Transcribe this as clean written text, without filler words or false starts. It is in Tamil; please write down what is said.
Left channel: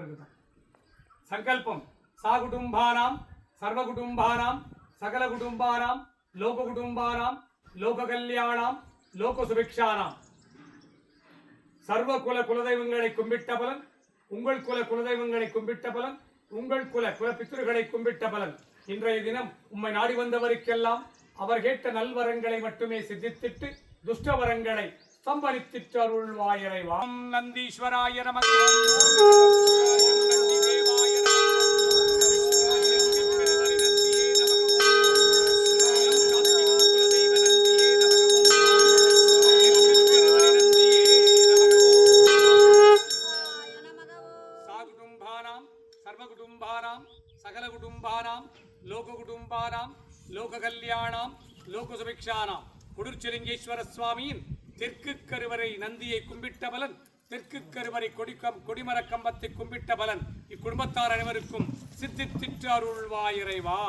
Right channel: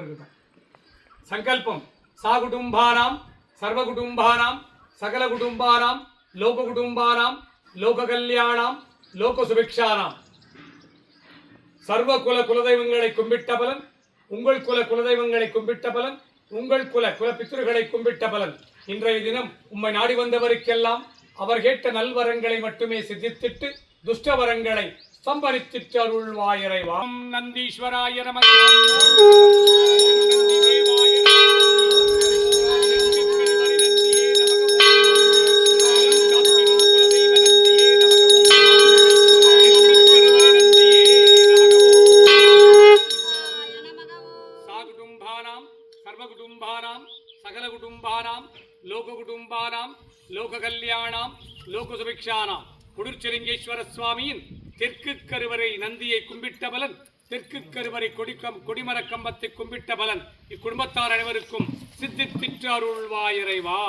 இருக்கட்டும். சங்கல்பம் சாகுடும்பானாம் சர்வகுடும்பானாம் சகலகுடும்பானாம் லோககுடும்பானாம் லோககல்யாணாம் லோகசுபிக்ஷானாம். சர்வ குலதெய்வங்களை கும்பிட்ட பலன், உங்கள் குலதெய்வங்களை கும்பிட்ட பலன், உங்கள் குலபித்ருகளை கும்பிட்ட பலன். இன்றைய தினம் உம்மை நாடி வந்தவருக்கெல்லாம் அவர் கேட்ட நல்வரங்களை மட்டுமே சித்தித்திட்டு துஷ்டவரங்களை ஸ்தம்பரித்திட்டு அருள்வாயிறைவா. நந்தீஸ்வராய நமக. சர்வகுடும்பானாம் சகலகுடும்பானாம் லோககுடும்பானாம் லோககல்யாணாம் லோகசுபிக்ஷானாம். குடிர்ச்சிலிங்கேஸ்வர சுவாமியின் தெற்கு கருவறை நந்தியை கும்பிட்ட பலன், தெற்கு கருவறை கொடிமர கம்பத்தை கும்பிட்ட பலன் இக்குடும்பத்தார் அனைவருக்கும் சித்தித்திட்டு அருள்வாயிறைவா.